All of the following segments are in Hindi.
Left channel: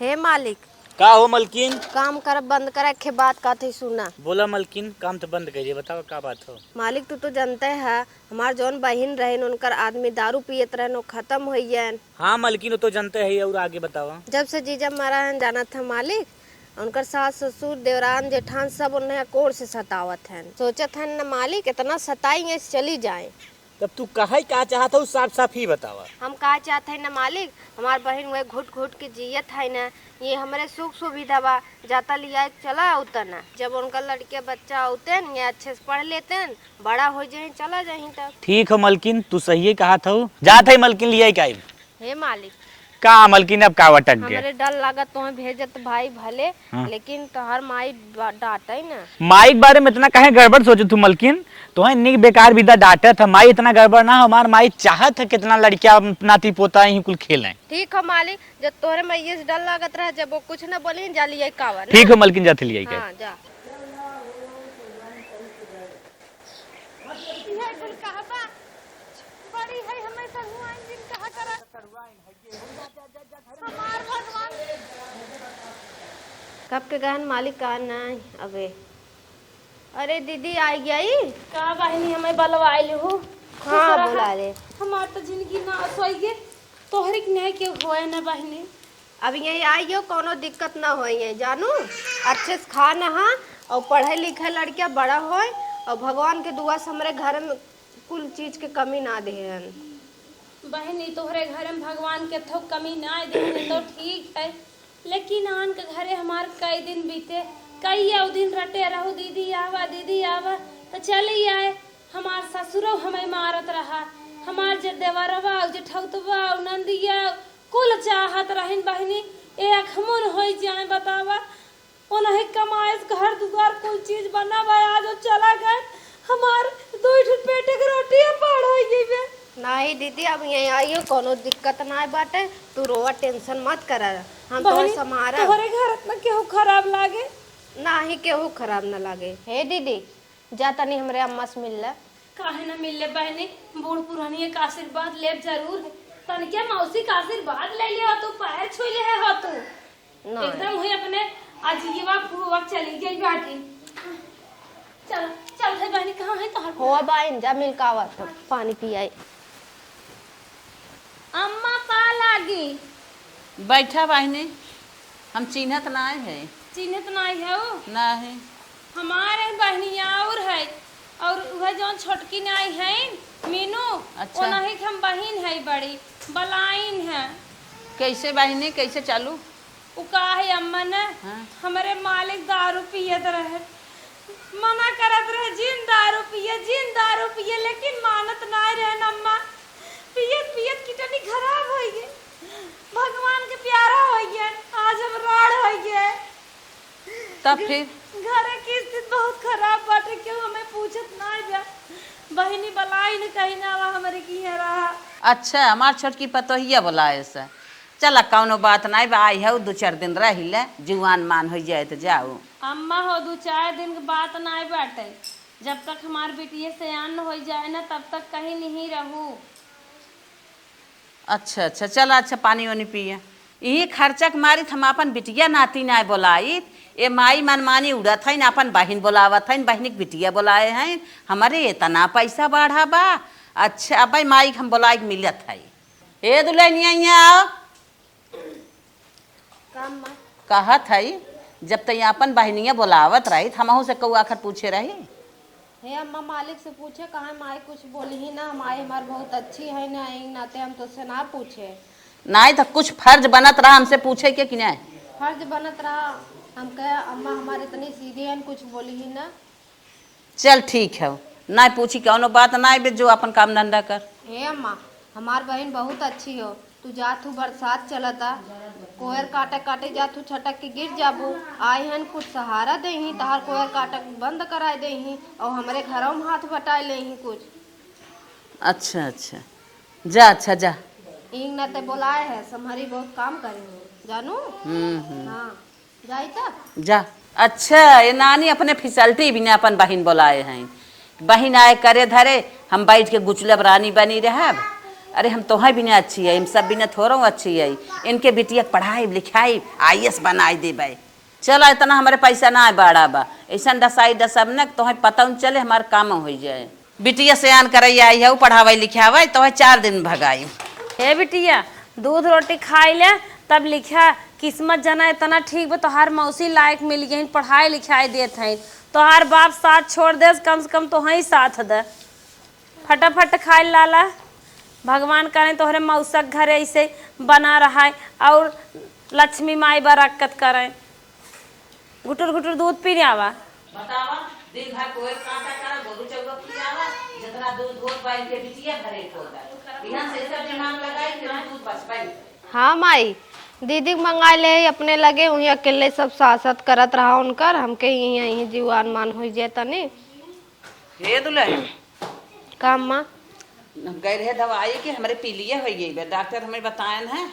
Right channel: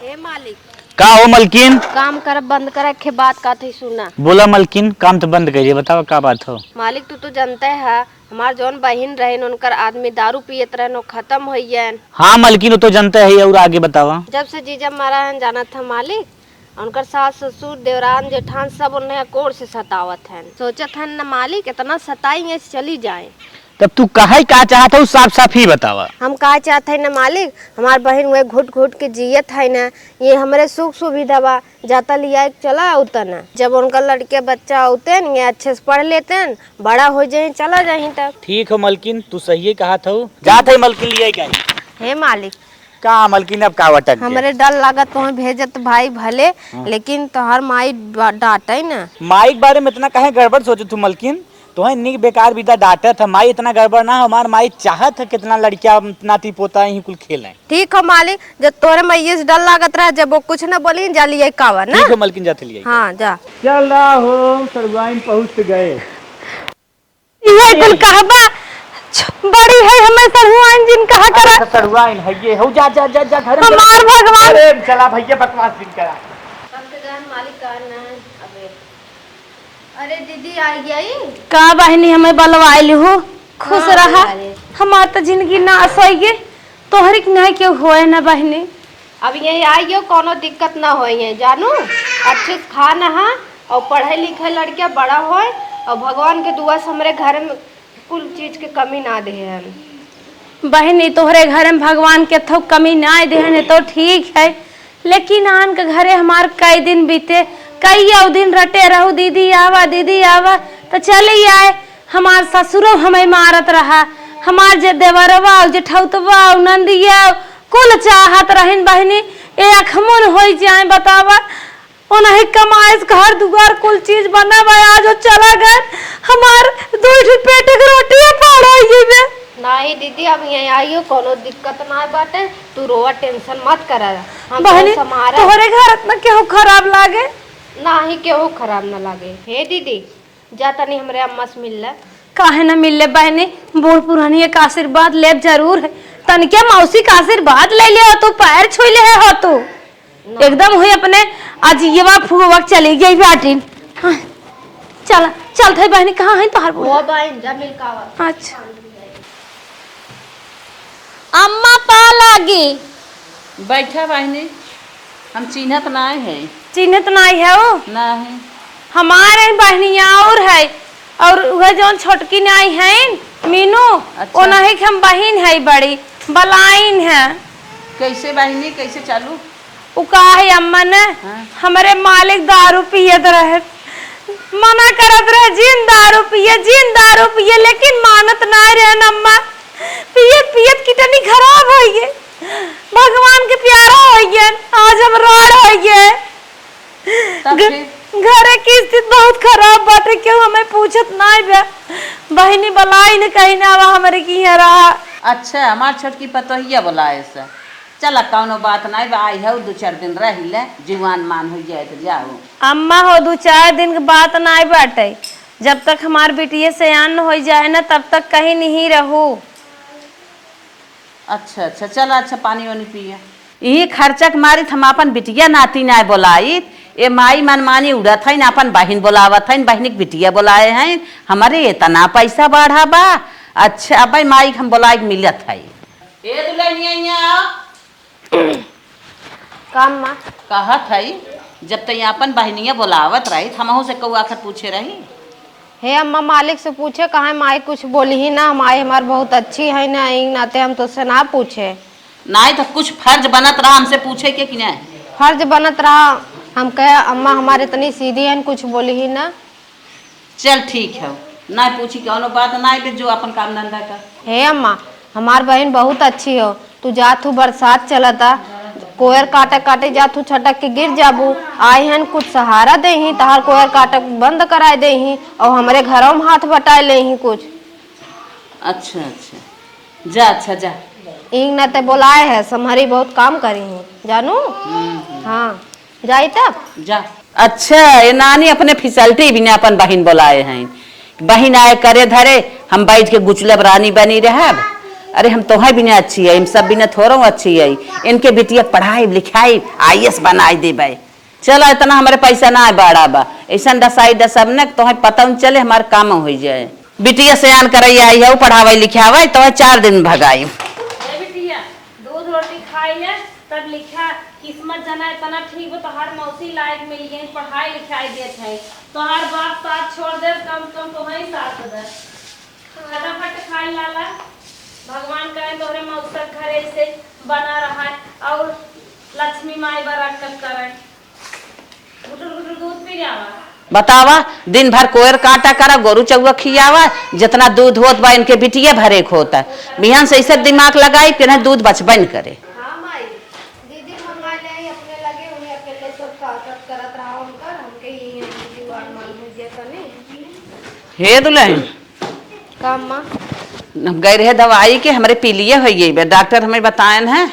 हे मालिक का हो मलकिन? काम कर बंद कर रखे बात का थी सुना। बोला मलकिन, काम तो बंद करिए, बताओ का बात हो। मालिक तू तो जानते है हमार जौन बहन रहे उनकर आदमी दारू पियत रहे खत्म हो गए। हाँ मलकिन, वो तो जानते है। और आगे बतावा। जब से जीजा मारा है जाना था मालिक उनकर सास ससुर देवरान जेठान सब उन्हें कोर से सतावत है। सोचत है न मालिक इतना सताई चली जाए। तब तू कहे का चाहता हूँ, साफ साफ ही बतावा। हम का चाहते है न मालिक हमार बहन वह घुट घुट के जियत है न। ये हमारे सुख सुविधा बा जाता लिया चला उतर न। जब उनका लड़के बच्चा होते न ये अच्छे से पढ़ लेते न बड़ा हो जाए चला जाए तब। ठीक हो मलकिन, तू सही कहा था। जाते मलकिन लिया का हे मालिक का मलकिन अब का वटक हमारे डर लागत तो भेजत भाई भले लेकिन तोहर माई डांटे न। माई के बारे में इतना कहे गड़बड़ सोचे तू मलकिन? तो इतनी बेकार विदा डांटा था। माई इतना गड़बड़ ना, हमार माई चाहत है कितना लड़किया नाती पोता ही कुल खेले। ठीक है मालिक, जब तोरे मैये से डर लागत रहा जब वो कुछ न बोली जा लिया कावा ना। ठीक है मलकिन, जाते लिया। हाँ जा। चल रहा हो सरवाइन पहुंच गए। ये कुल कहबा बड़ी है हमें सरवाइन जिन कहा करा। सरवाइन है ये हो। जा जा जा जा घर में। हमार भगवान। अरे चला भैया बकवास दिन करा। सबके गान मालिक का ना अबे। अरे दीदी आई गई का बहनी हमें बलवाइल हो। खुश रहा हमार तो जिंदगी नाश हो गए तोहरी नहीं क्यों होए ना बहनी। अब यही आई हो कोनो दिक्कत ना हो जानू अच्छे से खाना है और पढ़े लिखे लड़किया बड़ा होए और भगवान के दुआ से हमारे घर में कुल चीज के कमी ना दे हम। बहनी तोहरे घर में भगवान के थो कमी ना दे तो ठीक है, लेकिन आन के घरे हमार कई दिन बीते कई दिन रटे रहू दीदी आवा तो चले आए। हमार ससुरो हमें मारत रहा, हमार जे देवरवा जेठौतवा नंदिया कुल चाहत रहन बहनी ए अखमन हो जाए बतावा उन्हें कमाए घर दुआर कुल चीज बनावा आज चला गए हमार दो पेट के रोटी पड़ा नहीं दीदी अब यही आई हो कोनो दिक्कत ना बाटे तू रोवा टेंशन मत कर। हम बहनी समारा तोहरे घर इतना केहू खराब लागे ना ही केहू खराब ना लागे। हे दीदी जा तनी हमरे अम्मा से मिल ले। काहे ना मिल ले बहनी, बूढ़ पुरानी का आशीर्वाद ले जरूर है। तनिके मौसी का आशीर्वाद ले ले तो पैर छू ले हो तो एकदम हुई अपने आज ये फुआ चली गई बाटी। हाँ, चल चल थे बहनी कहाँ है तोहर वो बहन जा मिल कावा अच्छा पानी पी आई। अम्मा पा लागी बैठा बहनी हम चिन्हत नाय है। चिन्हत नहीं है वो नहीं हमारे बहनिया और वह जो छोटकी नाई है मीनू अच्छा। वो नहीं हम बहन है बड़ी बलाइन है। कैसे बहनी कैसे चालू? वो का है अम्मा ने हमारे मालिक दारू पियत रहे मना करत रहे जिन दारू पिए लेकिन मानत ना रहे अम्मा। पियत कितनी खराब हो गए भगवान के प्यारा हो गए आज हम राड़ हो गए। घरे की स्थिति बहुत खराब बाटे क्यों हमें पूछत नहीं बे बहनी बलाई ने कहीं ना हमारे की रहा। अच्छा हमार छोटकी पतोहिया बोलाए से चला कौनो बात नहीं बा आई है 2-4 दिन रह ले जीवान मान हो जाए तो जाओ। अम्मा हो 2-4 दिन की बात नहीं बाटे जब तक हमार बेटिए से आन हो जाए ना तब तक कहीं नहीं रहू। अच्छा अच्छा चला अच्छा पानी वानी पिया। यही खर्चा के मारी हम अपन बिटिया नाती ना बोलाई ए माई मनमानी उड़त है अपन बहन बोलावत है बहन के बिटिया बोलाए हैं हमारे इतना पैसा बढ़ा बा। अच्छा भाई माई हम बोलाई मिलत है ए दुल्हनिया काम माँ कहत है जब तक अपन बहनिया बोलावत रही हमहू से कौ आखिर पूछे रही। हे अम्मा मालिक से पूछे कहा माई कुछ बोली ही ना माई हमार बहुत अच्छी है ना नाते हम तो से ना पूछे। नहीं तो कुछ फर्ज बनत रहा हमसे पूछे के कि नहीं? फर्ज बनत रहा हम कहे अम्मा हमारे इतनी सीधी है कुछ बोली ही ना। चल ठीक है नहीं पूछी कौनो बात नहीं जो अपन काम धंधा कर। हे अम्मा हमार बहन बहुत अच्छी हो तू जातू बरसात चलता कोयर काटे काटे जातू छटक के गिर जाबू आई हन कुछ सहारा दे ही तहार कोयर काटक बंद कराए दे ही और हमारे घरों में हाथ बटाए ले ही कुछ। अच्छा अच्छा जा अच्छा जा इंग न ते बोलाए है समहरी बहुत काम करी है जानू। हाँ जाई तब जा। अच्छा ये नानी अपने फिसलटी भी ने अपन बहन बोलाए हैं बहन आए करे धरे हम बैठ के गुचलब रानी बनी रह अरे हम तोहार बिना अच्छी है, इन सब बिना थोड़ा अच्छी है। इनके बिटिया पढ़ाई लिखाई IAS बनाई देबे। चलो इतना हमारे पैसा ना बड़ा बा, ऐसा डसाई डसब न तोहे पता न चले हमारे काम हो जाए। बिटिया सयान करई आई है, पढ़ावे लिखावे तो 4 दिन भगाई। हे बिटिया दूध रोटी खाई ले तब लिखा किस्मत जना इतना ठीक बा, तोहार मौसी लायक मिल गई, पढ़ाई लिखाई देत है। तोहार बाप साथ छोड़ दे, कम से कम तोहे साथ दे। फटाफट खाई लाला, भगवान करे तोहरे मौसक घर ऐसे बना रहा है और लक्ष्मी माई बरकत करे। गुटुर गुटुर दूध पी आवा। बतावा दिन भर कोयर काटा करा, गोरू चौवा खियावा, जितना दूध होत बा इनके बिटिया भरे होता। बिहान से ऐसे दिमाग लगाई फिर दूध बचबन करे। हाँ माई, दीदी मंगा ले अपने लगे वही अकेले सब सासत करत रहा उनकर, हमके यही जीवान मान हुई जे तने। हे दुल्हन काम माँ गए रहे दवाई के हमारे पी लिए हो गई। डॉक्टर हमें बताए हैं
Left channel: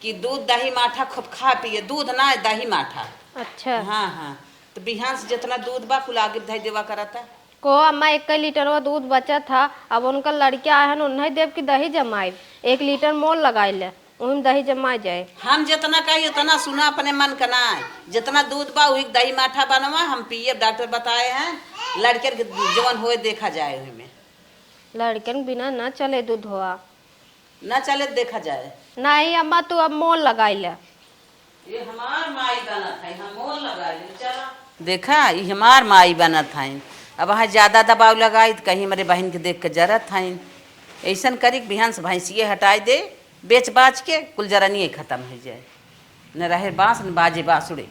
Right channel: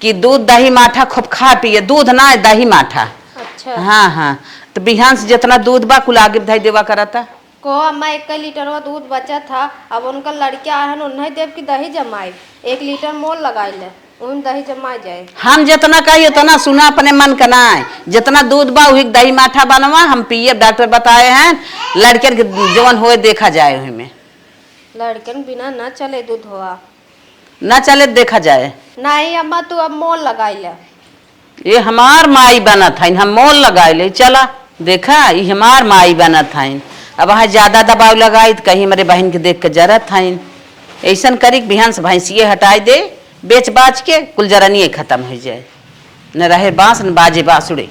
कि दूध दही माठा खूब खा पिए, दूध ना दही माठा। अच्छा हाँ हाँ, तो बिहान से जितना दूध बा कुल आगे धाई देवा करता। को अम्मा 1 लीटर वो दूध बचा था, अब उनका लड़किया आए हैं उन्हें देव की दही जमाए 1 लीटर मोल लगाई ले, उन दही जमा जाए। हम जितना कही उतना सुना अपने मन का ना, जितना दूध बा वही दही माठा बनवा हम पिए। डॉक्टर बताए हैं लड़के के जवन होए देखा जाए, में लड़कन बिना न चले दूध हुआ ना चले देखा जाए। नहीं अम्मा तू अब मोल लगाई ले। ये हमार माई बना था, हम मोल लगाए ले। चला देखा ये हमार माई बना था। अब वहाँ ज्यादा दबाव लगाई तो कहीं हमारे बहन के देख के जरत था। ऐसा करी बिहान से भैंसिए हटाई दे, बेच बाच के कुल जरनिए खत्म हो जाए, न रहे बांस न बाजे बांसुड़े।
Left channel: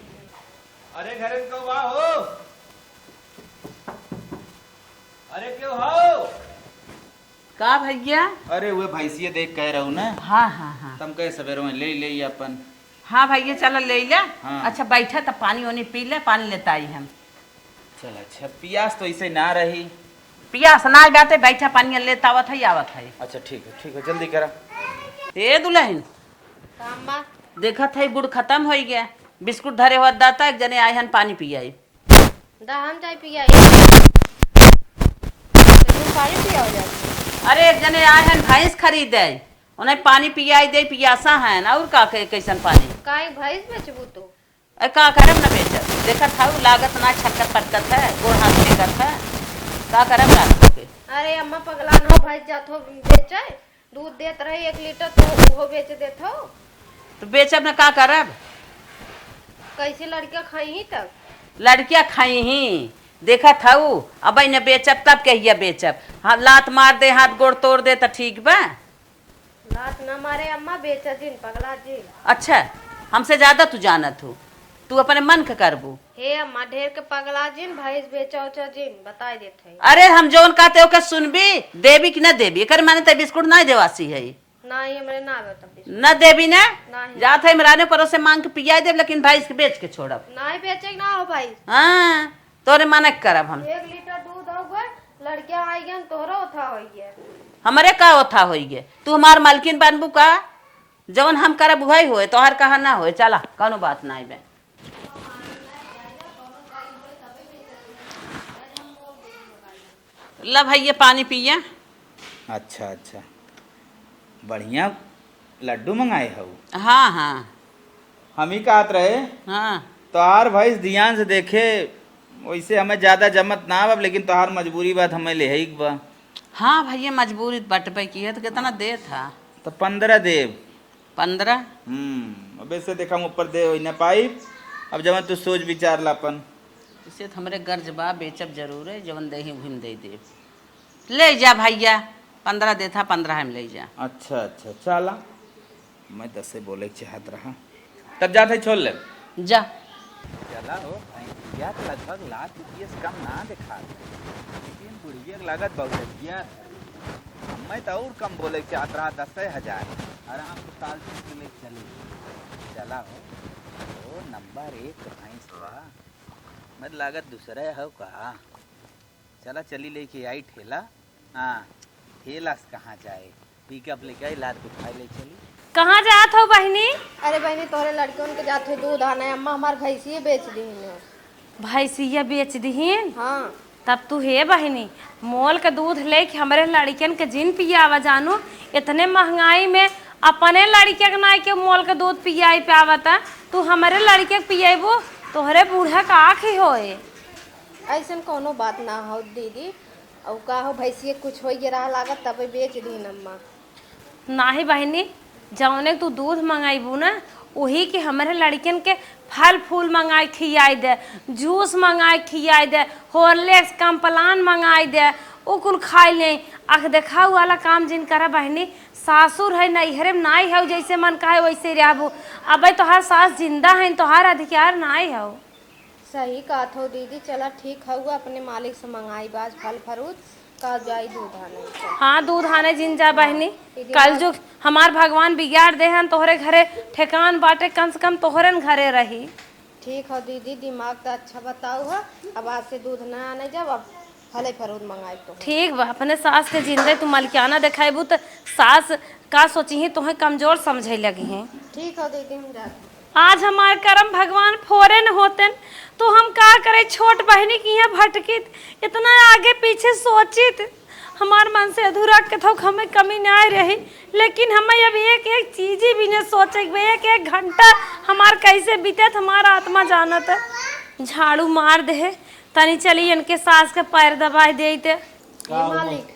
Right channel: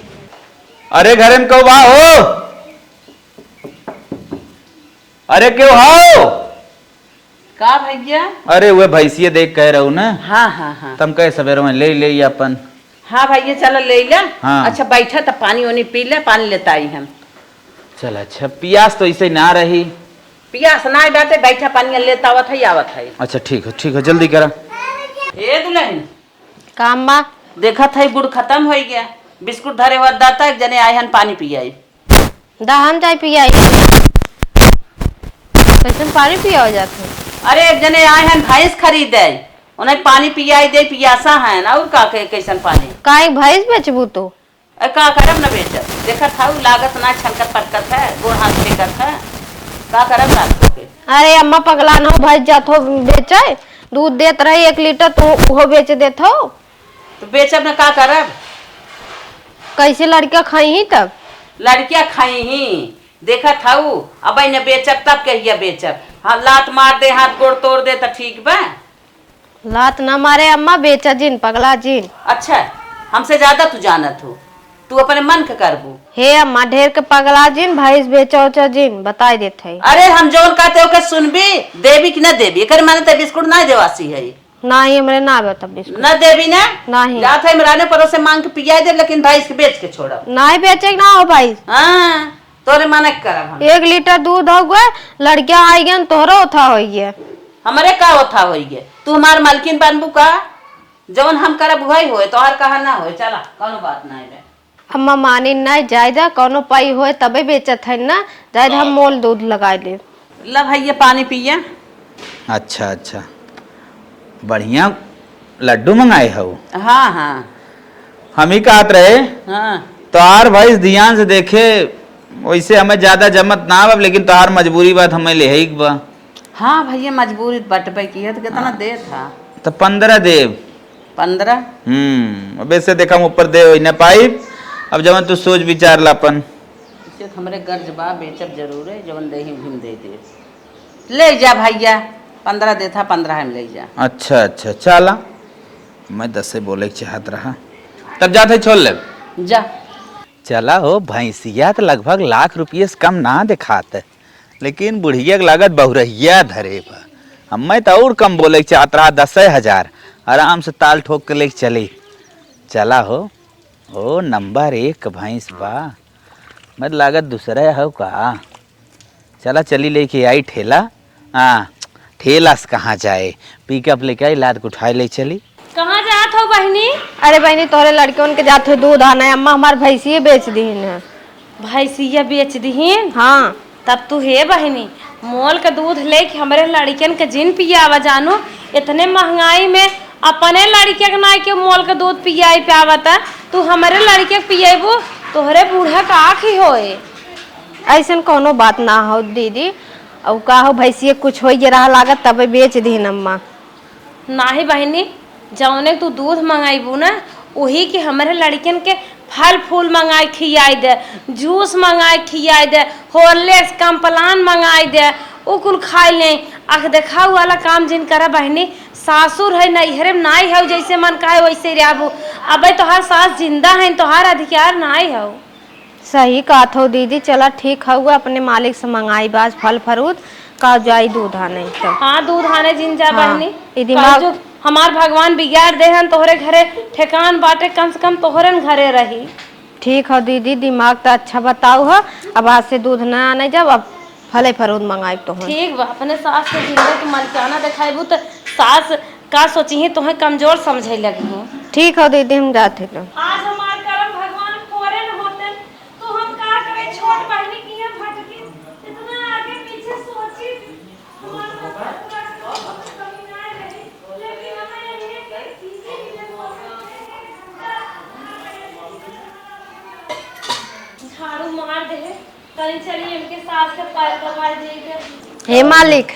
अरे घरे में क्यों बा हो? अरे क्यों हो? का भैया? अरे वह भैंसिए देख कह रहू ना। हाँ हाँ हाँ तुम कहे सवेरे में ले ले अपन। हाँ भैया चलो ले ले। हाँ। अच्छा बैठा तो पानी वानी पी ले, पानी लेता आई हम। चल अच्छा, पियास तो इसे ना रही। पियास ना बाटे, बैठा पानी लेता आवत है। अच्छा ठीक है जल्दी करा। ए दुल्हन काम माँ देखा था गुड़ खत्म हो गया, बिस्कुट धरे हुआ दाता एक जने आए हन पानी पियाई। दहम चाय पिया पानी पिया हो जाते। अरे एक जने आए हन भैंस खरीदे, उन्हें पानी पियाई दे, पियासा है ना और का कैसन पानी। काहे भैंस बेचबू तो? का करम न बेच देखा था लागत ना छलकत पटकत है, गोड़ हाथ के करता का करम लागत। अरे अम्मा पगला ना भैंस जात हो बेचे, दूध देत रही 1 लीटर तो वो बेच देत हो। तो बेचब न का करब? कैसे लड़का खाई ही तब? लड़कियां खाई ही देखा था अब न बेचब तब कहिया बेचब। हाँ लात मार दे, हाथ गोड़ तोड़ दे तो ठीक बा। लात ना मारे अम्मा, बेचा जिन पगला जिन। अच्छा हमसे ज्यादा तू जानत हो, तू अपने मन के करबू। हे अम्मा ढेर के पगला जिन, भैंस बेचा उचा जिन बताई देते है। अरे हम जोन कहते हो के सुनबी, देवी कि न देवी? कर माने तो बिस्कुट नहीं देवासी है ना ही हमरे ना बेटा बिस्कुट न देवी ने नहीं जात है मराने परों से मांग के पिया दे, लेकिन भैंस के बेच के छोड़ा। नहीं बेचे ना हो भाई। हाँ तोरे माने करब हम। 1 लीटर दूध हो गए, लड़किया आई गए तोहरा उठा हो गया। हमारे का ओथा हो गए, तू हमार मालकिन बनबू का? जौन हम करब वही होए, तोहर कहा ना होए। चला कोनो बात नहीं बे। अम्मा मानी नहीं जायदा कोनो पाई होए तबे बेचत है ना, जायद हम मोल दूध लगा ले। ला भाई ये पानी पिया। अच्छा बढ़िया लड्डू मंगाए हो। हाँ हाँ हम ही कहत रहे हाँ तोहार भैंस ध्यान से देखे, वैसे हमें ज्यादा जमत ना बा, लेकिन तोहार मजबूरी बात हमें ले ही बा। हाँ भैया मजबूरी बटबे की है तो कितना दे था? तो 15 देव। 15? अब ऐसे देखा हम ऊपर दे न पाई। अब जब तू सोच विचार लापन। इसे तो हमरे गर्ज बा, बेचब जरूर है, जवन दे ही घूम दे दे। ले जा भैया, 15 दे था, 15 हम ले जा। अच्छा चला, मैं 10 से बोले के चाहत रहा, तब जाते छोड़ ले जा। चला हो भैंसिया तो लगभग लाख रुपये से कम ना दिखाते, लेकिन बुढ़िया के लागत बहुरहिया धरे बा। हमें तो और कम बोले चाहत रहा, 10,000 आराम से ताल ठोक के लेके चली। चला हो नंबर 1 भैंस बा, मत लागत दूसरा हो का। चला चली लेके आई ठेला। हाँ ठेला से कहाँ जाए, पिकअप लेके आई, लाद को उठाए ले चली। कहाँ जात हो बहनी? अरे बहनी तोहरे लड़के उनके जाते दूध आना है, अम्मा हमार भैंसिए बेच दी है। भैंसिया बेच दीहिन? हाँ तब तू हे बहनी मोल का दूध लेके हमारे लड़कियन के जिन पियावा जानो, इतने महंगाई में अपने लड़किया के ना के मोल का दूध पियाई पियावता, तू हमारे लड़के के पियाबू तोहरे बूढ़ा का आँखी होए। ऐसन कोनो बात ना हो दीदी, अब का हो भैंसिए कुछ हो रहा लागत तब बेच दी अम्मा। नाही बहनी, जौने तू दूध मंगाईबू ना वही के हमारे लड़कियन के फल फूल मंगाई खियाई दे, जूस मंगाई खियाई दे, हॉर्लिक्स कम्पलान मंगाई दे, वो कुल खाई ले। आख देखा वाला काम जिन करा बहनी, सासुर है नैहरे में नाई है, जैसे मन का है वैसे रहबू। अब तोहार सास जिंदा है, तोहार अधिकार नाई है। सही कहत हो दीदी, चला ठीक हुआ अपने मालिक से मंगाई बाज फल फरूट का जाई दूध आने। चल हाँ दूध आने जिन जा हाँ, बहनी, ई दिमाग- जो हमार भगवान बिगाड़ दे हन तोहरे घरे ठेकान बाटे, कम से कम तोहरे घरे रही। ठीक हो दीदी, दिमाग तो अच्छा बताऊ हो। अब आज से दूध ना आने जब अब फले फरूट मंगाई तो ठीक बा, अपने सास के जिंदे तू मलकाना दिखाईबू तो सास का सोची है तुम्हें कमजोर समझे लगी। ठीक हो दीदी, हम जाते तो। आज हमारे कर्म भगवान फोरे न होते तो हम का करे, छोट बहनी की यहाँ भटकित, इतना आगे पीछे सोचित, हमार मन से अधूरा के थो हमें कमी ना रही। लेकिन हमें अब एक एक चीज भी न सोचे, एक एक घंटा हमार कैसे बीते हमारा आत्मा जानत है। झाड़ू मार दे तनी, चली इनके सास के पैर दबाई दे। हे मालिक,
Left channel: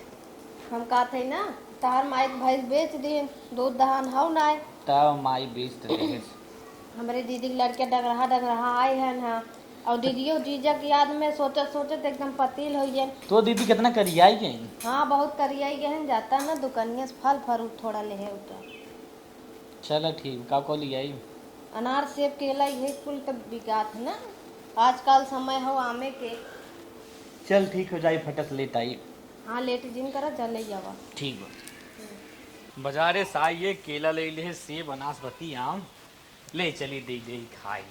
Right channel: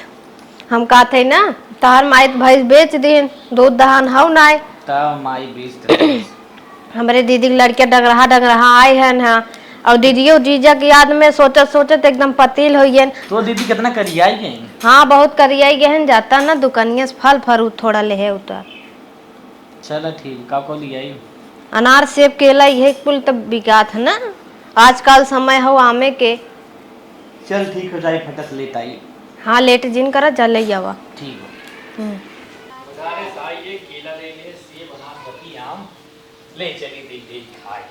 हम कहते ना तार माई भैंस बेच दिन, दूध दहान हो ना तब माई बेच हमारे दीदी के लड़के डगरहा आए हैं ना, और दीदियों जीजा की याद में सोचत सोचत एकदम पतील हो गए। तो दीदी कितना करियाई गई? हाँ बहुत करियाई गहन जाता ना दुकानिया से फल फरूट थोड़ा ले उतर। चलो ठीक, का को लियाई? अनार सेब केला यही कुल तब बिकात है ना, आजकल समय हो आमे के। चल ठीक हो जाए, फटक लेट आई। हाँ लेट जिन करा जल आवा। ठीक हो। बाजारे से आइए, केला ले लिए, सेब अनाशपाती आम ले चली दे खाए।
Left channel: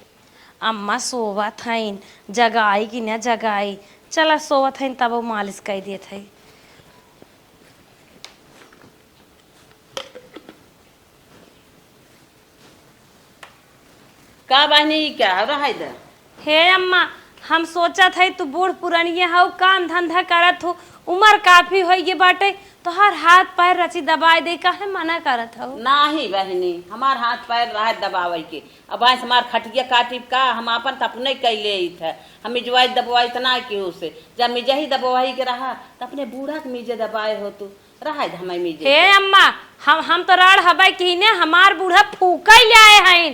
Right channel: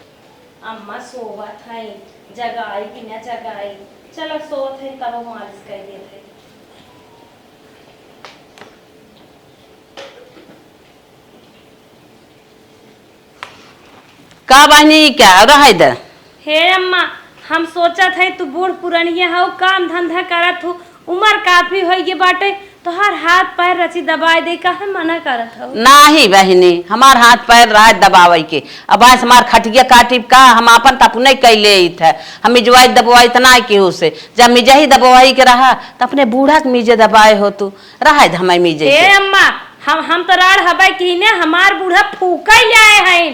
अम्मा सोवत हईन, जगाई कि न जगाई, चला सोवत हईन तब वो मालिश कर देत है। का बहनी क्या रहा इधर? हे अम्मा, हम सोचत है तू बूढ़ पुरानिया हो, काम धंधा करत हो, उम्र काफी हो गई बाटे, तोहार हाथ पैर रची दबाए दे, काहे मना करत हो? नाही बहनी, हमार हाथ पैर रहा दबावे के। अब आज हमार खटिया काटी का हम अपन तप नहीं कैले थे, हम मिजवाई दबवाई तना के उसे, जब मिजा ही दबवाई के रहा तो अपने बूढ़ा के मिजे दबाए हो तू रहा हमें मिजे। हे अम्मा, हम तो राड़ हबाई कीने, हमार बूढ़ा फूका ही आए हैं,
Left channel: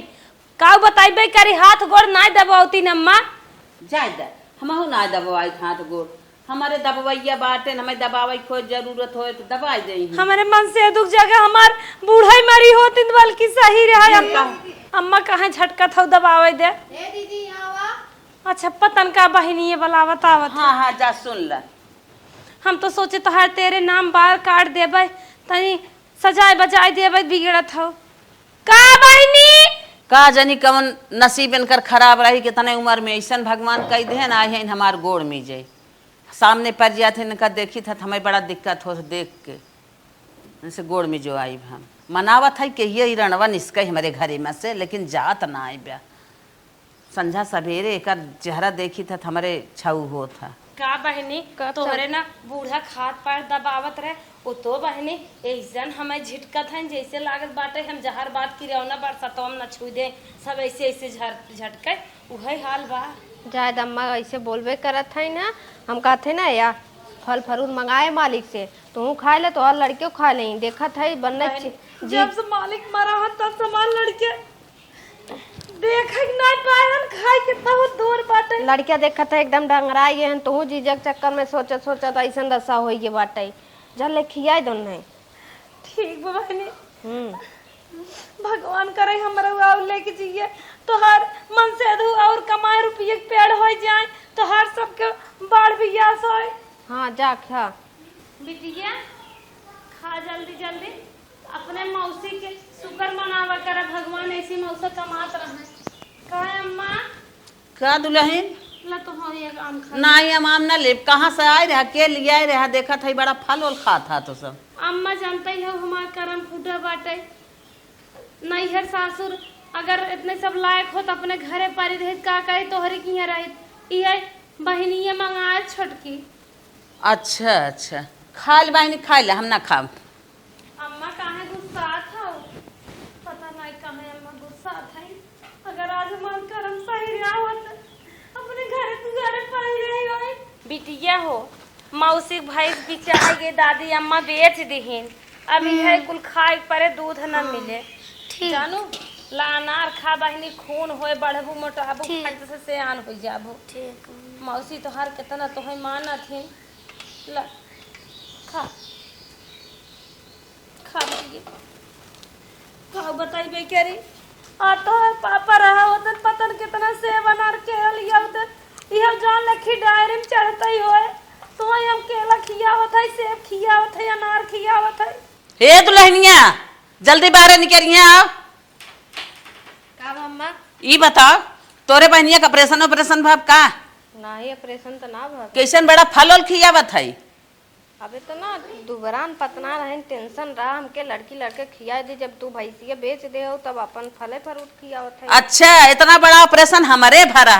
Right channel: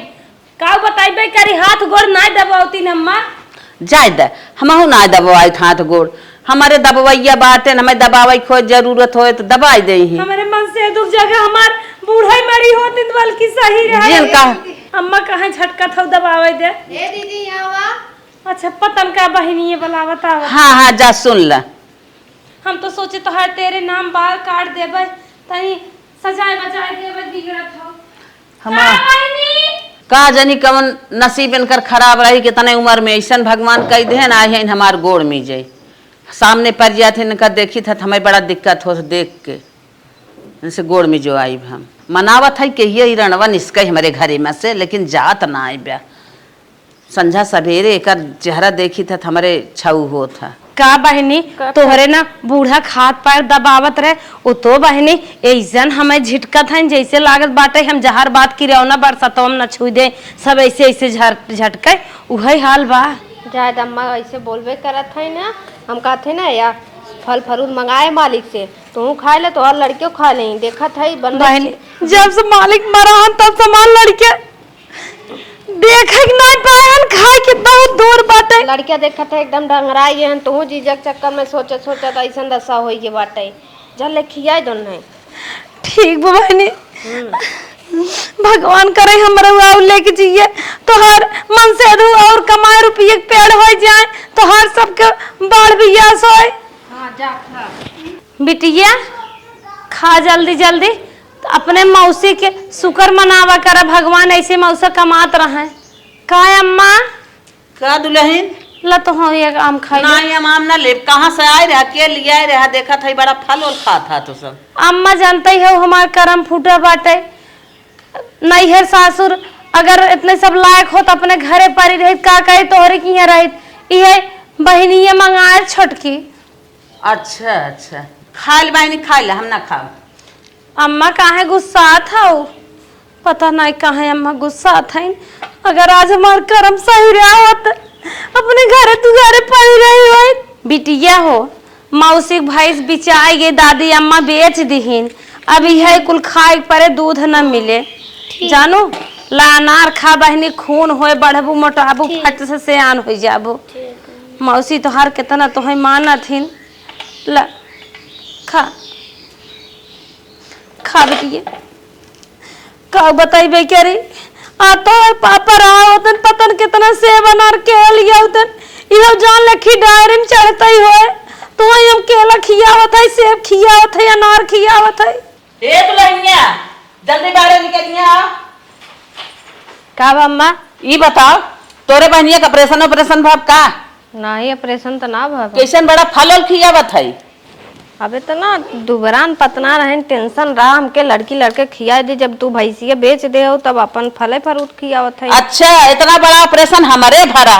का बताइबे करी हाथ गोड़ ना दबावती अम्मा। जाय दे, हमहू ना दबवाई हाथ गोड़, हमारे दबवैया बाटे, हमें दबावे खोज जरूरत हो तो दबाई दे ही। हमारे मन से दूर जगह हमार बूढ़ा ही मरी होती तो बल्कि सही रहे। जिन का अम्मा कहाँ झटका था दबावे दे। ए दीदी यहाँ अच्छा पतन का बहिनी वाला बतावा। हाँ हाँ जा सुन ल। हम तो सोचे तो हर तेरे नाम बाल काट देबे, तनी सजाए बजाए देबे, बिगड़त हो का बहिनी। का जनी कवन नसीब इनकर खराब रही कि तने उम्र में ऐसा भगवान कह दे ना है हमार गोड़ में जाए सामने पड़ जाते इनका देखी था हमें बड़ा दिक्कत हो देख के, जैसे गोड़ में जो आई हम मनावत है कि ये रणवा निस्कई हमारे घरे में से, लेकिन जात ना आई ब्या। संझा सवेरे एक चेहरा देखी था हमारे छऊ हो था। का बहनी तोहरे ना बूढ़ा खाद पैर दबावत रहे, वो तो बहनी ऐसन हमें झिटकत है जैसे लागत बाटे हम जहर बात की रहो ना बरसतो हम न छू दे, सब ऐसे ऐसे झटके वही हाल बा। जायद अम्मा ऐसे बोलबे करत है ना, हम कहते ना या फल फरूट मंगाए मालिक से, तू खा ले तो और लड़कियों खा ले, देखत है बहनी जब से मालिक मरा तब से माल लड़के देखे नहीं पाए खाए कितना दूर बाटे। लड़किया देखत है एकदम डंगराई है, तू जीजक चक्कर में सोचत सोचत ऐसा दशा होई के बाटे, जल ले खियाई दोन नहीं। ठीक बहनी, भगवान करे हमारा वाव लेके जिए तो हर मन से अधू और कमाए रुपये के पेड़ हो जाए तो हर सबके बाढ़ भी यास होए। हाँ जा खा बिटिया खा जल्दी जल्दी, तो अपने मौसी के शुक्र मनावा कर, भगवान ऐसे मौसा कमात रहे। का अम्मा का दुल्हन ला तो हो एक आम खाई ना ये आम ना ले, कहाँ से आए रहा के लिए आए रहा, देखा था बड़ा फल और खा था तो सब। अम्मा जानते ही हो हमार करम फूटा बाटे, नैहर सासुर अगर इतने सब लायक हो तो अपने घरे परी रहित का कहे तोहरे की यहाँ रहित, ये बहनी ये मंगाए छोटकी। अच्छा अच्छा खाइल बहनी खाइल हम ना खाओ। अम्मा काहे गुस्सात हो? पता नहीं काहे अम्मा गुस्सात है। अगर आज हमार कर्म सही रहा होत अपने घरे तू घरे पड़ी रही हो। बिटिया हो मौसी भैंस बिचाई गे दादी अम्मा बेच दीहिन। अभी है कुल खाए परे दूध न मिले जानो। ला अनार खा बहनी खून होए बढ़बू मोटाबू फट से सियान हो जाबू। मौसी तोहार कितना तोहे मानत हिन। ला खा खा बेटिए का बताइबे करे आ तो पापा रहा होतन पतन कितना सेब अनार के लिया होतन इहो जान लखी डायरी में चढ़ता ही होए तो हम केला खियावत है सेब खियावत है अनार खियावत है। ए तू लहनिया जल्दी बाहर निकलिया। का अम्मा? ई बताओ तोरे बहनिया का ऑपरेशन भाव का? नहीं ऑपरेशन तो ना भाभी। कैसन बड़ा फल खियावत है? अबे तो ना दुबरान पतना रहे टेंशन रहा हमके लड़की लड़के खिया दे। जब तू भैंसिया बेच दे हो तब अपन फले फ्रूट खियावत है। अच्छा इतना बड़ा ऑपरेशन हमारे भरा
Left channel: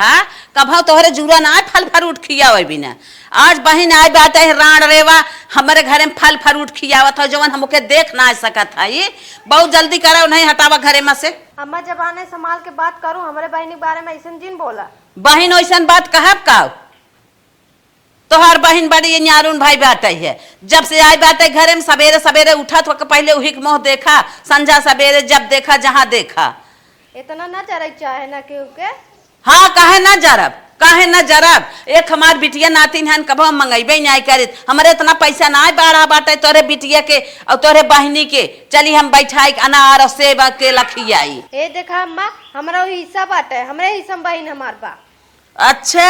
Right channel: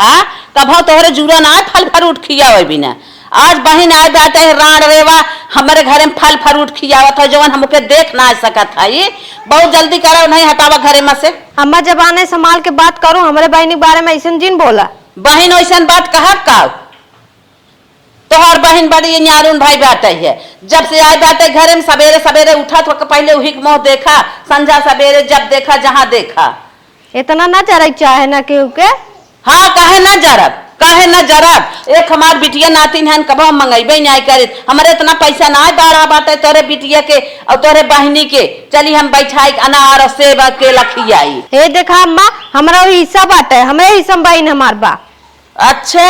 तब तोहरे जुड़ा ना फल फ्रूट खियावे बिना। आज बहन आए बात है राण रेवा हमारे घर में फल फ्रूट खियावत हो जवन हमके देख ना सकत है। ये बहुत जल्दी करो नहीं हटावा घरे में से। अम्मा जब आने संभाल के बात करो हमारे बहन के बारे में ऐसा जिन बोला। बहन ऐसा बात कहा का? तोहर बहन बड़ी न्यारून भाई बात है। जब से आए बात है घरे में सवेरे सवेरे उठा तो पहले वही मुँह देखा संझा सवेरे जब देखा जहाँ देखा। इतना ना चरक चाहे ना केहू के। हाँ काहे ना जरब एक हमार बिटिया नातिन हन कब मंगेबे नहीं करे। हमारे इतना पैसा ना बाड़ा बाटे तोरे बिटिया के और तोरे बहनी के चली हम बैठाई अनार सेब के लखियाई। हे देखा अम्मा हमारा हिस्सा बात है हमें हिस्सा बहन हमार बा। अच्छा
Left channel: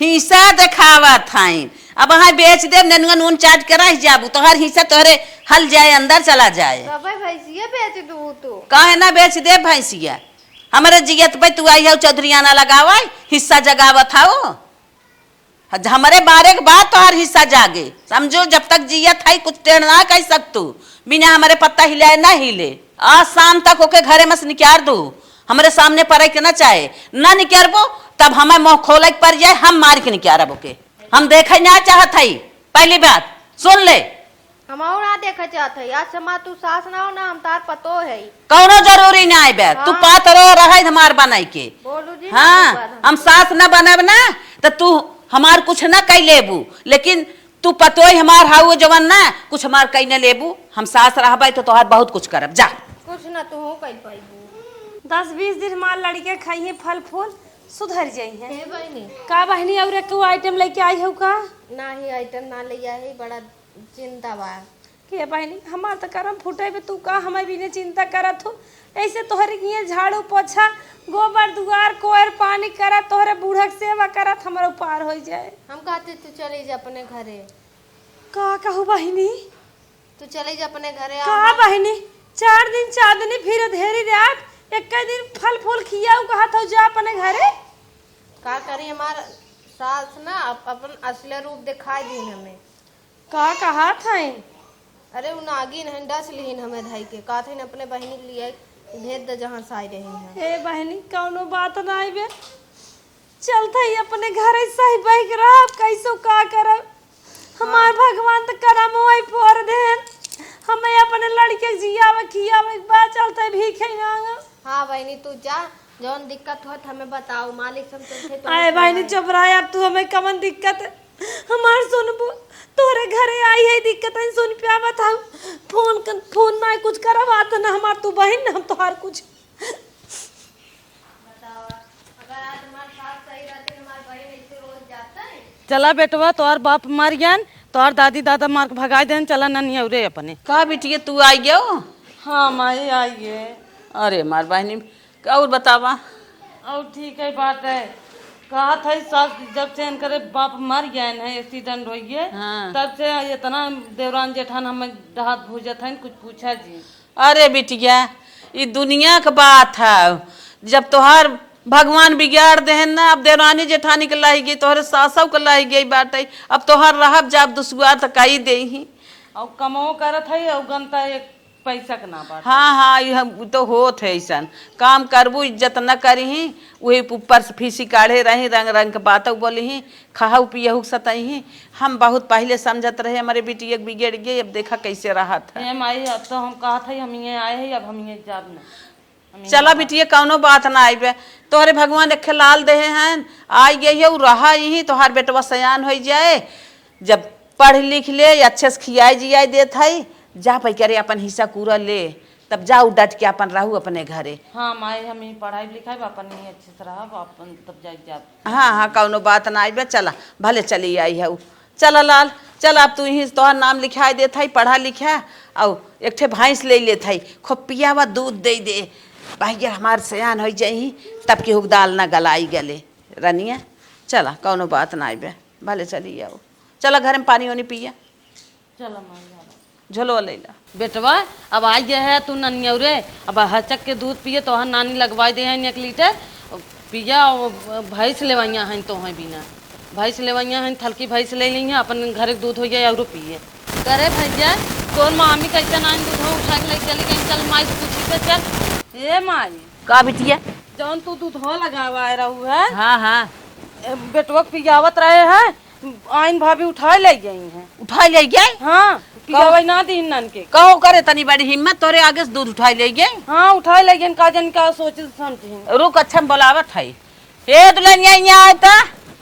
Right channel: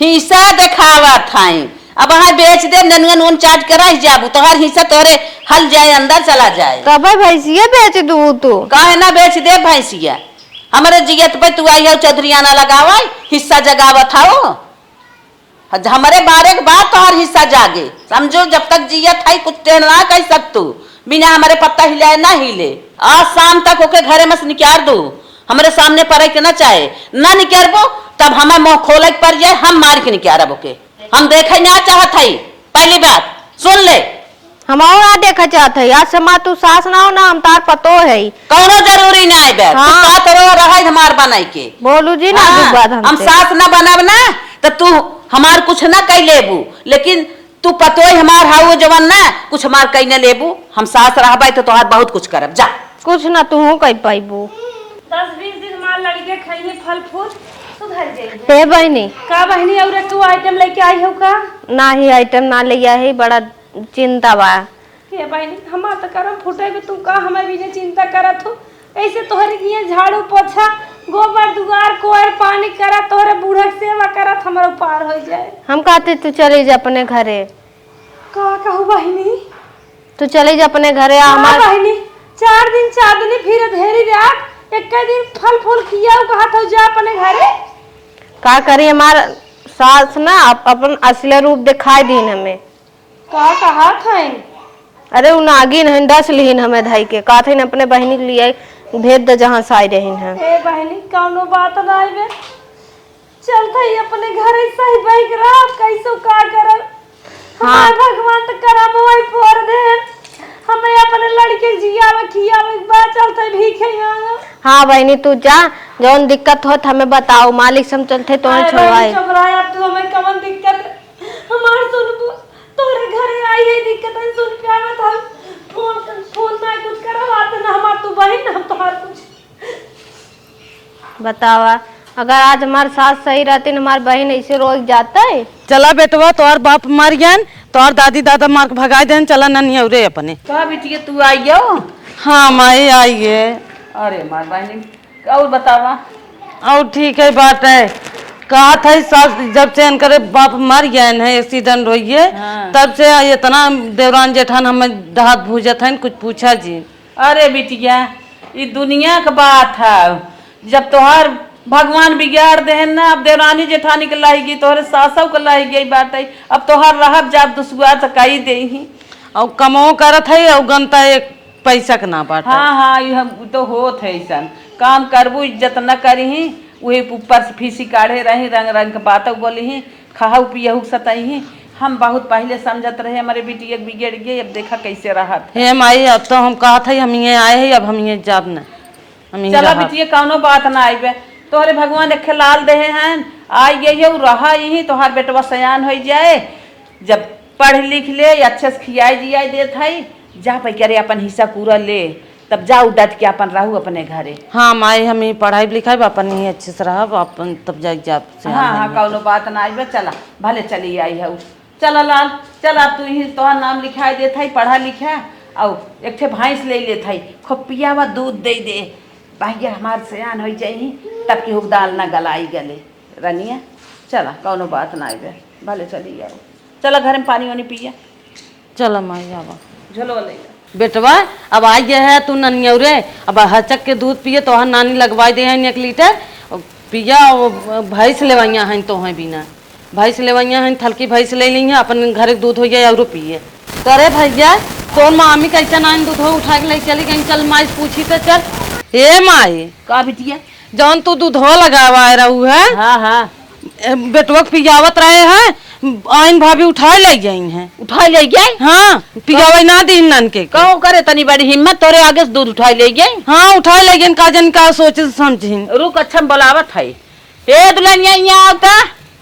हिस्सा देखावत है। अब वहाँ बेच दे ननुआ नून चाट के रह जाबू तोहर हिस्सा तोहरे हल जाए अंदर चला जाए। तब भैंसिया बेच दू तू। काहे ना बेच दे भैंसिया? हमारे जियत पे तू आई हो चौधरीयाना लगावा हिस्सा जगावत हो। हमारे बारे के बाद तोहर हिस्सा जागे समझो। जब तक जियत है कुछ टेढ़ ना कह सकतू बिना हमारे पत्ता हिले ना हिले। आज शाम तक ओके घरे में से निकाल दू। हमारे सामने पड़े के ना चाहे ना निकालबो तब हमें मुँह खोले पर जाए हम मार के निकालब ओके। हम देखे ना चाहत है। पहली बात सुन ले हम ना देखा चाहते है। आज से तू सास ना हो ना हम तार पतो है। कौनो जरूरी ना आए बैठ। हाँ। तू रहा हमार बनाई के बोलू जी ना हाँ, बात हम सास न बनब ना तो तू हमार कुछ ना कह लेबू लेकिन तू पतो हमार हाउ जवन ना कुछ हमार कह न लेबू। हम सास रहबे तो तोहार बहुत कुछ करब जा। कुछ ना तू कह पाइबू। 10-20 दिन मार लड़के खाइए फल फूल सुधर जाइए। हे बहनी का बहनी और तू आइटम लेके आई हो का? ना ही आइटम ना ले है बड़ा चिंता बा। के बहनी हमार तो करम फुटे भी तू का हमें भी चिंता करत हो। ऐसे तोहरे किए झाड़ू पोछा गोबर दुआर कोयर पानी करा तोहरे बूढ़ा सेवा करत हमारा पार हो जाए। हम कहते तू चले जा अपने घरे। का कहू बहनी? तू चले जा अपने घरे। हाँ हमार बहनी 4 दिन चांदनी फिर धेरी रात एक दिन फल फूल किया कहत हो जा अपने घरे। का करी हमार सास ना अपन असली रूप दिखाई दीन हमें। का कहा था? अरे उ नागिन है 10 लीन हमें धाई के का थे अपने बहनी के लिए भेज दे जहाँ साई रहीन है। ए बहनी कौनो बात ना आइबे चलते ही अपने घरे सही बैठ रहा कैसो का करब। हमार भगवान तो करम वही पोर दे हमें अपने लड़के जियावे खियावे बा चलते भीखे मांगो। हाँ बहनी तू जा जौन दिक्कत होत हमें बताओ मालिक सम चलते तो छोड़वाए। चुप रहा अब तू हमें कवन दिक्कत हमार सुनबो तोरे घरे आई है दिक्कत है सुन पे आवत हम फोन ना कुछ करवात ना हमार तू बहन ना तोहार कुछ बतावा। अगर आज हमार सास सही रहती हमार बहन ऐसे रोज जाता है। चला बेटवा तोहर बाप मर गयन तोहर दादी दादा मार के भगा देन चला ननिया रे अपने। का बिटिया तू आई जाओ? हाँ माई आई है। अरे मार बहनी और बतावा। और ठीक है बात है कहा था सास जब से इनकर बाप मर गए है एक्सीडेंट रोइए तब से इतना देवरान जेठान हमें दहात भूजत है कुछ पूछा जी। अरे बिटिया ये दुनिया का बात है। जब तोहार भगवान बिगाड़ दे ना अब देवरानी जेठानी के लाई गई तोहरे सासव के लाई गई बात है। अब तोहार रहब जब दुसुआ तो कही दे ही और कमाओ करत है और गनता एक पैसा के ना बात। हाँ हाँ ये तो होत है ऐसा काम करबू इज्जत न करी वही ऊपर से फीसी काढ़े रही रंग रंग के बात बोली ही खाऊ पियहू सतही हम बहुत पहले समझत रहे हमारे बेटी एक बिगड़ गई, अब देखा कैसे रहा था। हे माई अब तो हम कहा था हम ये आए हैं, अब हम ये जाब न हम चला यहाँ बेटी कौनो बात ना आइबे, तोरे भगवान रखे लाल दे हैं आई गई है रहा यही तोहार बेटवा सयान हो जाए, जब पढ़ लिख ले अच्छे से खियाई जियाई देत है, जा पै करे अपन हिस्सा पूरा ले, तब जा उडट के अपन रहू अपने घरे। हाँ माई हम ही पढ़ाई लिखाई अपन ही अच्छे से रहा अपन तब जाके जाब हाँ हाँ कौनो बात ना आइबे, चला भले चली आई है। चला लाल चल, अब तू ही तोहर नाम लिखाई देत है, पढ़ा लिखा और एक ठे भैंस ले लेत है, खूब पियावा दूध दे दे भाई हमार सयान हो जाई, तब की हुक दाल ना गलाई गले रनिया। चला कौनो बात ना आइबे, भले चली आओ। चला घर में पानी वानी पिया, चलो माई आवा झोलो लेगा। बेटवा अब आ गया है तू ननियौरे, अब हचक के दूध पिए तो नानी लगवाई दे हैं 1 लीटर पिया, भैंस लेवाइया हैं तो हैं बिना भैंस लेवाइया हैं, थलकी भैंस ले ली हैं अपन घर दूध हो जाए और पिए। करे भैया तो मामी कैसे नानी दूध उठा के ले चली गई, चल माई पूछी तो चल। हे माई का बिटिया जौन तू दूध लगवा रहू है, हाँ हाँ बेटवा पियावत रहे हैं, आइन भाभी उठा ले गई हैं, उठा ले गई। हाँ पियावा ना दी नन के कहूँ करे तनी बड़ी हिम्मत, तोरे आगे से दूध उठा ले गई। हाँ उठा ले गई, का जन का सोचे समझिन। रुक अच्छा बोलावत है, ए दुल्हनिया यहाँ आवता,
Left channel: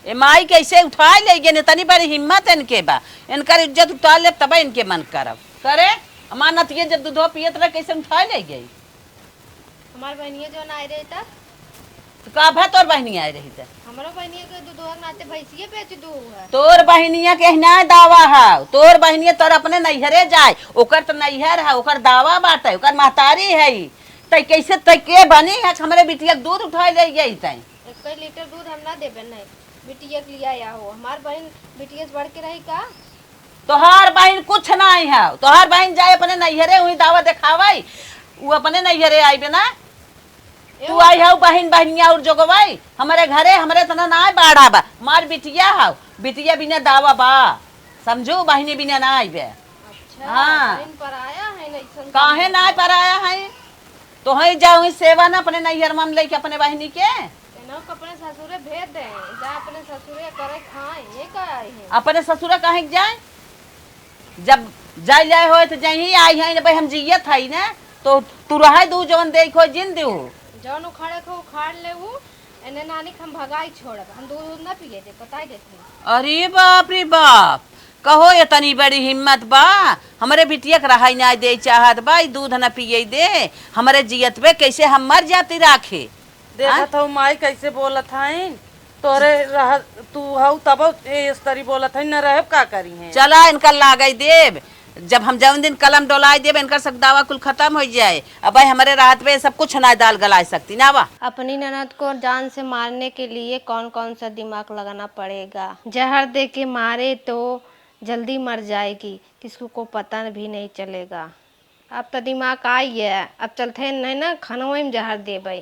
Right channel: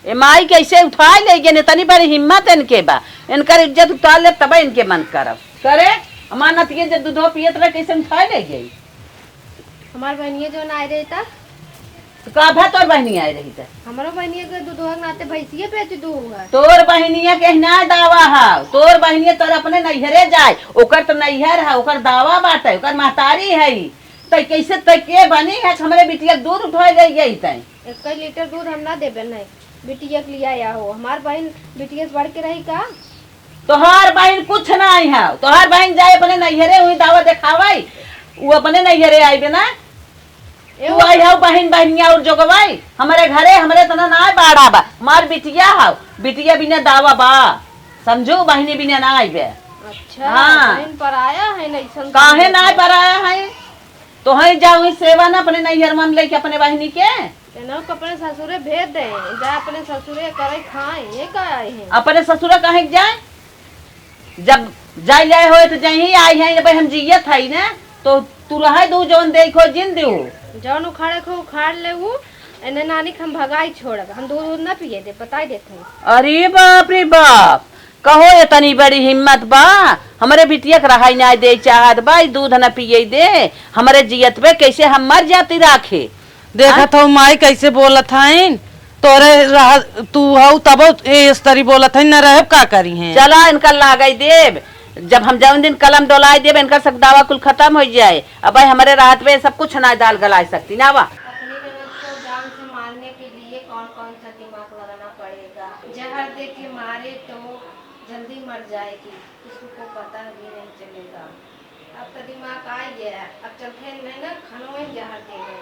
ए माई कैसे उठा ले गई, तनी बड़ी हिम्मत इनके बा, इनकर इज्जत उतार ले तब इनके मन करब करे। अमानत ये जब दूधो पियत रहे कैसे उठा ले गई। हमार बहनिया जो ना रही था, तो का भा तोर बहनी आई रही थे, हमारो बहनिया के दूधवा नाते भैंसिए बेच दू है। तोर बहनिया के ना दावा है, तोर बहनिया तोर अपने नैहरे जाए, ओकर तो नैहर है, ओकर दावा बाटे, ओकर महतारी है, तै कैसे तै के बनी है हमारे बिटिया दूध उठा ले गई तै। 1 लीटर दूध हम ना देबे नहीं, बिटिया के लिए आया हो, हमार बहन बिटिया से बढ़ के रही का। तोहार बहन कुछ नहीं है, तोहार बहन जाए अपने नैहरे हुई दावा दिखावाई, वो अपने नैहरे आई ना, तू आई हो बहन बहनिया और जोगवाई हमारे घरे, हमारे तना ना बाड़ा बा, मार बिटिया हो, बिटिया बिना दावा बा, समझो बहनी बिना ना आई बे। अच्छा हाँ। बहन पर आया है नहीं सन काहे ना पर आया है, तो है जाऊँ सेवा ना अपने नैहर में लेके अपने बहनी के, इन्हों को अपने ससुरे भेज दे, जा अपने ससुरे करे खाए, ये का आई है। अपने ससुरा कहे जाए, जब जाए जाए हो तो जही आई है भाई हम जियत है ना, तो तू रहे दू जौन देखो जिन दू जौन उखाड़े को उखाड़ ले वो, इन्हें नानी के हम भगाई छोड़, हम दूध ना पिए दे, बताई देते। अरे बाप रे बाप, कहो ये तनी बड़ी हिम्मत बा, हमारे बिटिया के रहाई ना दे चाहत बा, दूध न पिए दे, हमारे जियत पे कैसे हम मर जाती राखे। देखा था माई कैसे बोलत है, तोरे रहा तू हऊ तब इस तरी बोलत है, न रहे का करी है। चला इनका लागई देव, जब हम जौन दिन कलम डोलाई देव इनका सब दावा कुल खत्म हो जाए, अब भाई हमारे रात में सब कुछ ना दाल गला सकती ना वा। अपनी ननद को जान से मारने के लिए कौन कौन सा दिमाग लगाना पड़ेगा। जहर दे के मारे तो जल्दी मर जाएगी, किसी को पता भी नहीं चलेगा। अब तो दिमाग आई है, अब चलते नहीं ना खानों में जहर देवे,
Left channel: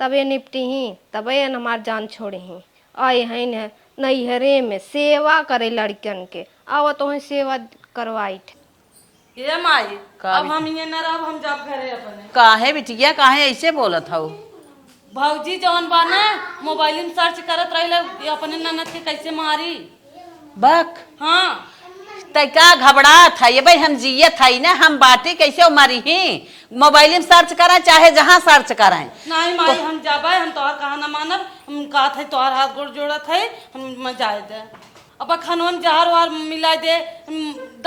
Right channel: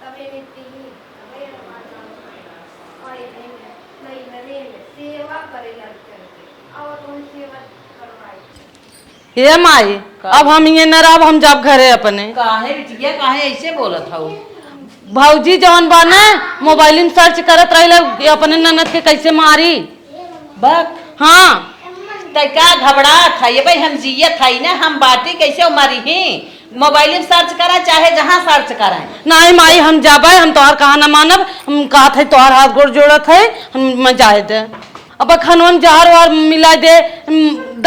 तब ये निपटी ही, तब ये हमार जान छोड़े हैं। आए हैं न नैहरे में सेवा करे लड़कियन के, आओ तो है सेवा करवाई। ये माई अब हम ये न रह, हम जब घरे अपने। काहे बिटिया काहे ऐसे बोलत हऊ। भौजी जौन बाने मोबाइल में सर्च करत रही अपने ननद के कैसे मारी। बक हाँ तै का घबरा था ये भाई, हम जियत है ना, हम बाटी कैसे मारी ही, मोबाइल में सर्च करा चाहे जहाँ सर्च कराए। नहीं माई हम जाबे, हम तोहार कहा न मानब, हम कहा थे तोहार हाथ गोड़ जोड़त है, हम जाए दे। अब खनवन जहर वार मिला दे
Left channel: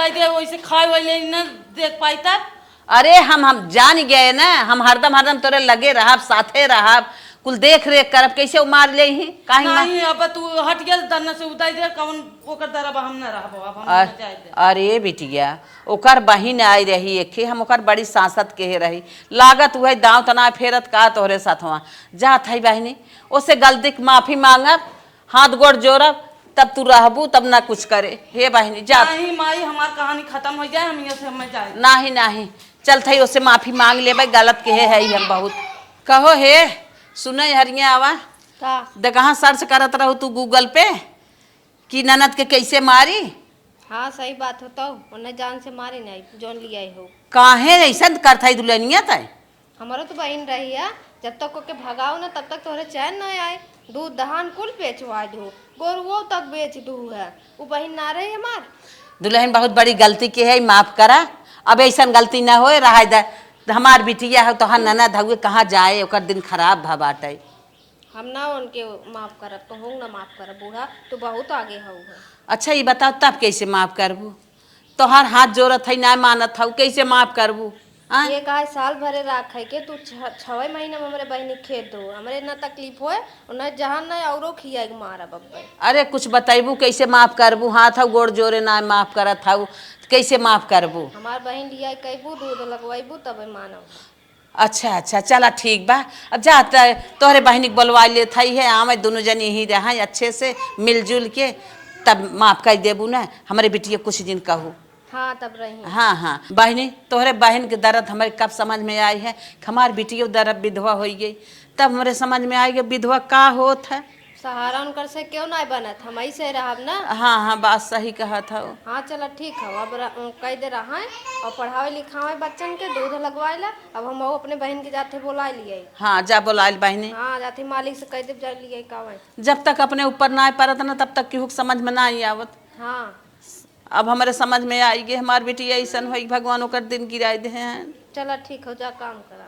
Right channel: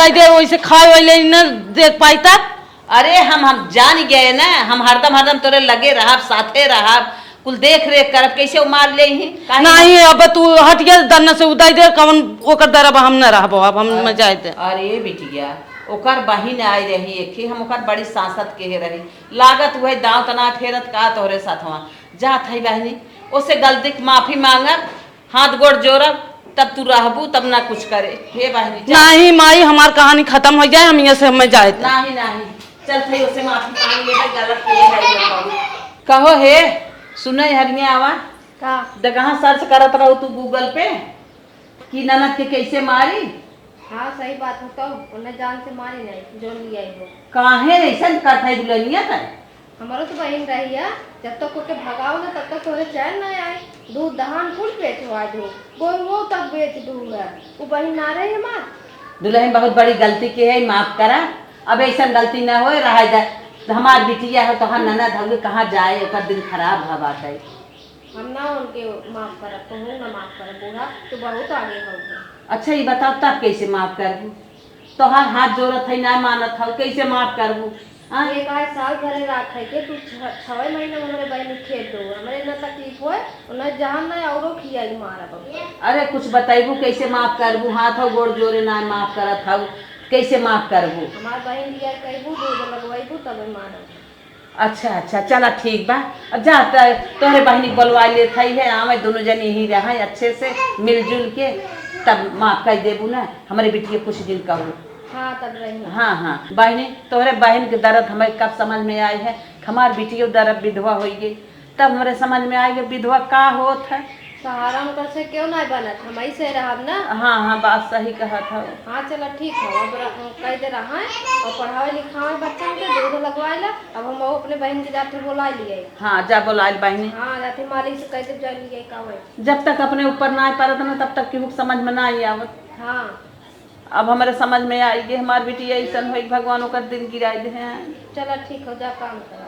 दे वैसे खाए वाले न देख पाई तक। अरे हम जान गए ना, हम हरदम तोरे लगे रहा, साथे रहा, कुल देख रेख कर कैसे मार ले ही। नहीं अब तू हटिया दन्ना से उदाई दे, कवन ओकर दरब हम न रहबो, अब हम जाए दे। अरे बिटिया ओकर बहिन आई रही एक, हम ओकर बड़ी सांसत के रही, लागत हुआ दांव तना फेरत का तोहरे साथ हुआ जात है बहनी, उससे गलती माफी मांगब, हाथ गोड़ जोड़ब, तब तू रहबू तब ना कुछ करे। हे बहनी नहीं माई हमार कहानी खत्म हो जाए, हम यहाँ से हमें जाए। नहीं नहीं चल थई उससे माफी मांग ले भाई, गलत के है ये बहुत। कहो हे सुने हरिया आवा दगहा सर्च करत रहो तू गूगल पे कि ननद के कैसे मारी। हाँ सही बात होता, उन्हें जान से मारी नहीं जो लिया हो। काहे ऐसा करता है दुल्हनिया तय, हमारो तो बहन रही है, जब तक ओके भगाओ ना तब तक तोरे चैन नहीं आए। दूध दहान कुल बेचवा दू, गोरुओं तक बेच दू है। वो बहिन ना रहे हमार। दुल्हन बहुत बड़ी गलती की है, माफ करा। अब ऐसा गलती ना होए रहा दे। हमार बिटिया है तो हर ननद हगे कहाँ जाए, ओकर दिन खराब भा बाटे। हम ना उनके माफ करब, तो हूँ ना माफ करब। बूढ़ा तू बहुत आगे हो गया। अच्छा ये बताओ तब कैसे माफ करबू? तोहर हाथ जोड़त है ना मानत हूँ, कैसे माफ करबू? ये गाय साल भरे राख है के तू 6 महीने में हमरे बहन खेत दो, हमरे ना तकलीफ होए और ना जहां ना औरो खियाई मारा बाबा। अरे कुछ बताइबू कैसे माफ करबू? हाथ हौ गोड़ जोड़े ना माफ करत हूँ, कैसे माफ करबू? हमार बहन लिया कहबू दूध लगवाइबू तब मारब। अच्छा अच्छा चला ठीक बा। अब जाता है तोहरे बहनी बुलवा लेत है, आवे दोनों जन यही रहा अच्छे से मिलजुल के, तब माफ कर देबू ना हमारे बिटिया कुछ दिन कहू। हाँ तब रही। हाँ हाँ बहनी, तोहरे बहन के दर्द हमें कब समझ में आई है। हमार बिटिया दर्द विधवा हो गई तब हमारे समझ में आई विधवा का होत है। सहारा उनकर से क्यों नहीं बनत, हम ही से रहब ना। हाँ हाँ बात सही कहा था। हाँ चलो ठीक है। अब कह दे रहा है और पढ़ावे लिखावे बच्चन के दूध लगवाए ला। अब हम वो अपने बहन के जाते बुला लिए। हाँ जा बुलाए बहनी। हाँ जाते मालिक से कह दे जा लिए का होई। जब तक अपने ऊपर ना परत ना तब तक केहू समझ में ना आई आवत। हाँ अब हमारे समझ में आई गई हमार बेटी ऐसा हुई, भगवान ओकर दिन गिराए दे हैं। चलो ठीक हो जा काम कर।